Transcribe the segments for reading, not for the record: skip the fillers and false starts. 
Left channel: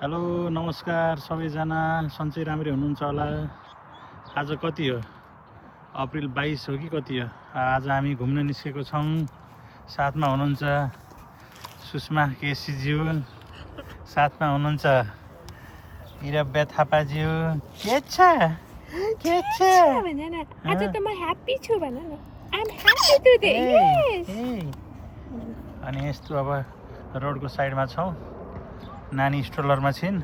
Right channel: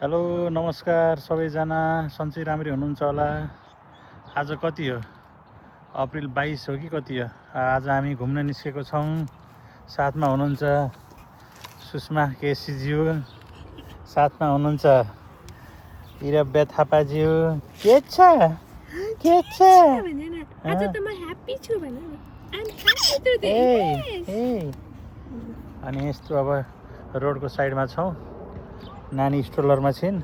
Hello नमस्कार सबैजना, सन्चै राम्रै हुनुहुन्छ होला। आज कति हो? अप्रिल 22 हो कि कति हो? आज हामी घुम्न निस्केको छौँ। साथमा हुनुहुन्छ सुषमा केसीज्यू, साथमा हुनुहुन्छ इरब्या थापाज्यू। के छ आज त म ह्यापी छु भन न। I am happy today. Yes. अनि यस्तो अब रोडको साइडमा छौँ। नानी स्ट्रोलरमा छिन्।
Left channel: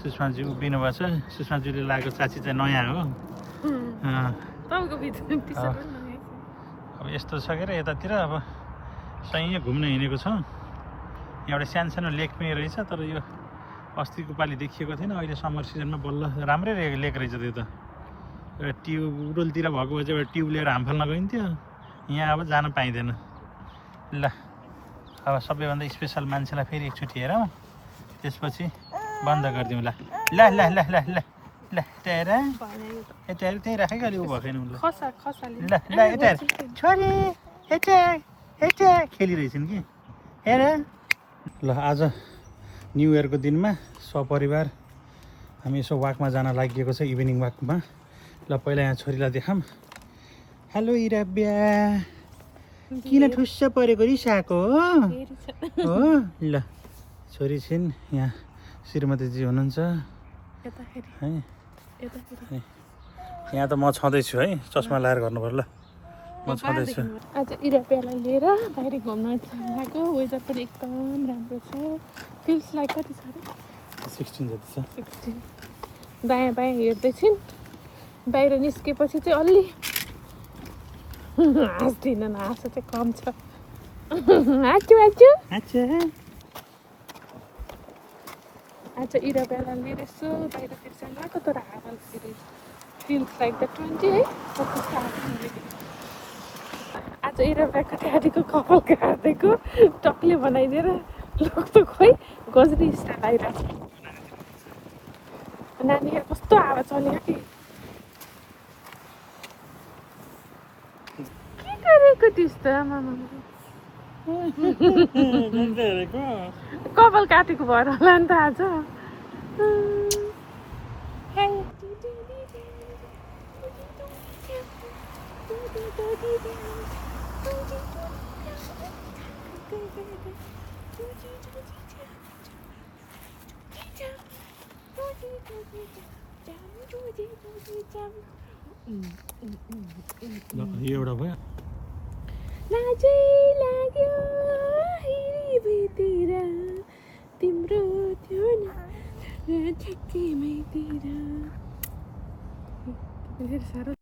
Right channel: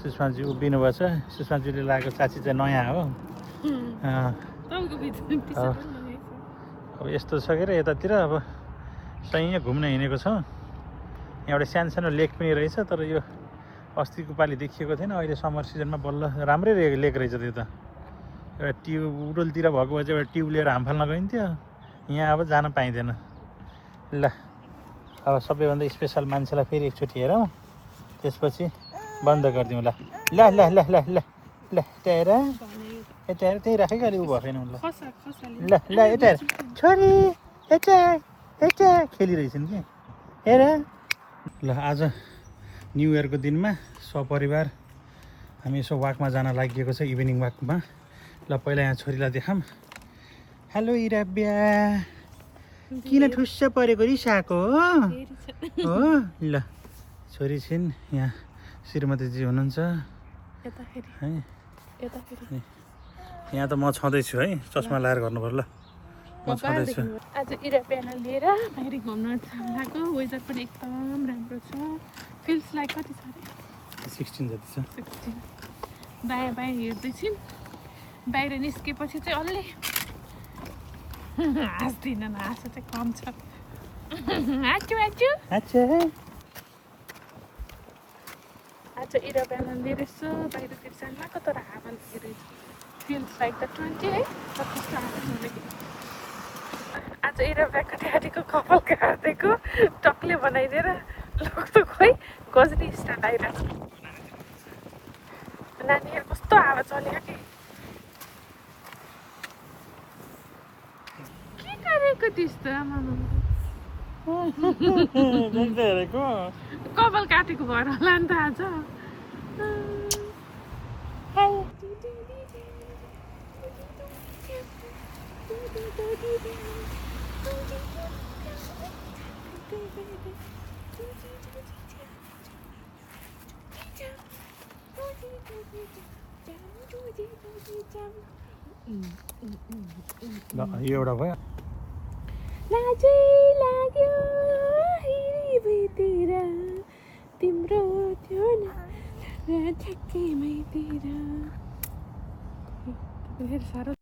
सुषमाजी उभिनु भएछ। सुषमाजीले लागेको चाची चाहिँ नयाँ हो। अब यस्तो छ के अरे यतातिर अब सही घुम्न हिँडेको छौँ। यहाँ एउटा सानो लेक पनि रहेछ, तर यो अस्तिको पालि देखिएको थिएन। अहिले समर सिजनमा बल्ल राम्रै लेक रहेछ त्यो त। एउटा ट्युब उडोलतिर भएको भए चाहिँ एउटा ट्युब लिएर हाम फाल्न गइन्थ्यो। यहाँ अब जान पाइँदैन। ल अब सबैभन्दा स्पेसल मान्छेलाई फेरि एकचोटि हेरौँ, त्यसपछि बन्द गरिदिउँ। ल ल ल ल ल ल ल यता हेर, यता हेर, त्यही राखेको अलि उ भएको छैन। ल ल यता हेर, छोरी यता यता खेलिरहेछन् कि हेर। ल आज न्यु इयरको दिनमा सपरिवार हामी यसो वाकमा जान लागिएको छ, इभिनिङ वाकमा। ल पहिला यहाँ छोरीलाई देखाऊँ। हेलो इराब्या, किन ठुस्स परेको रिसाएको हो? ल छोरी छिन्, यहाँ श्रीमतीजी हुनुहुन्छ है। यहाँ त म छँदैछु है, चस्मा लाएर गर्नु पर्यो। ल म छँदैछु। आज इराब्यालाई लिएर बाहिर घुम्न गएको। वेदर पनि एकदम राम्रो छ। फिल्स लाइक कति छ? 16 जति छ। 16। दायाँ बायाँ हेर्दैछिन्। बाहिर निस्केपछि चाहिँ अलि हाँस्दिन, हाँसो चाहिँ कम छ। हाँच्छु हाँच्छु अच्छा, आज इराब्यालाई लिएर यसो बाहिरतिर जानु लाग्यो। तर हावा लागेर फिल्स लाइक द 20 है। कति साह्रो भनेको। आज इराब्याको ड्याडीको कपाल काटेको टक्ले बनाइदिएर लग्छ। खोइ गजनी स्टार्ट आइरहेको छ। नानीहरू कस्तो हावा चल्यो कि के गरेको त्यस्तो? आमामा कपाल काटेको भएर होला नि त आज। यो एउटा भयो। लाजै लाग्यो हिँडीतिर तिम्रो त्यो ठ्याक्कैमैतिर। साह्रो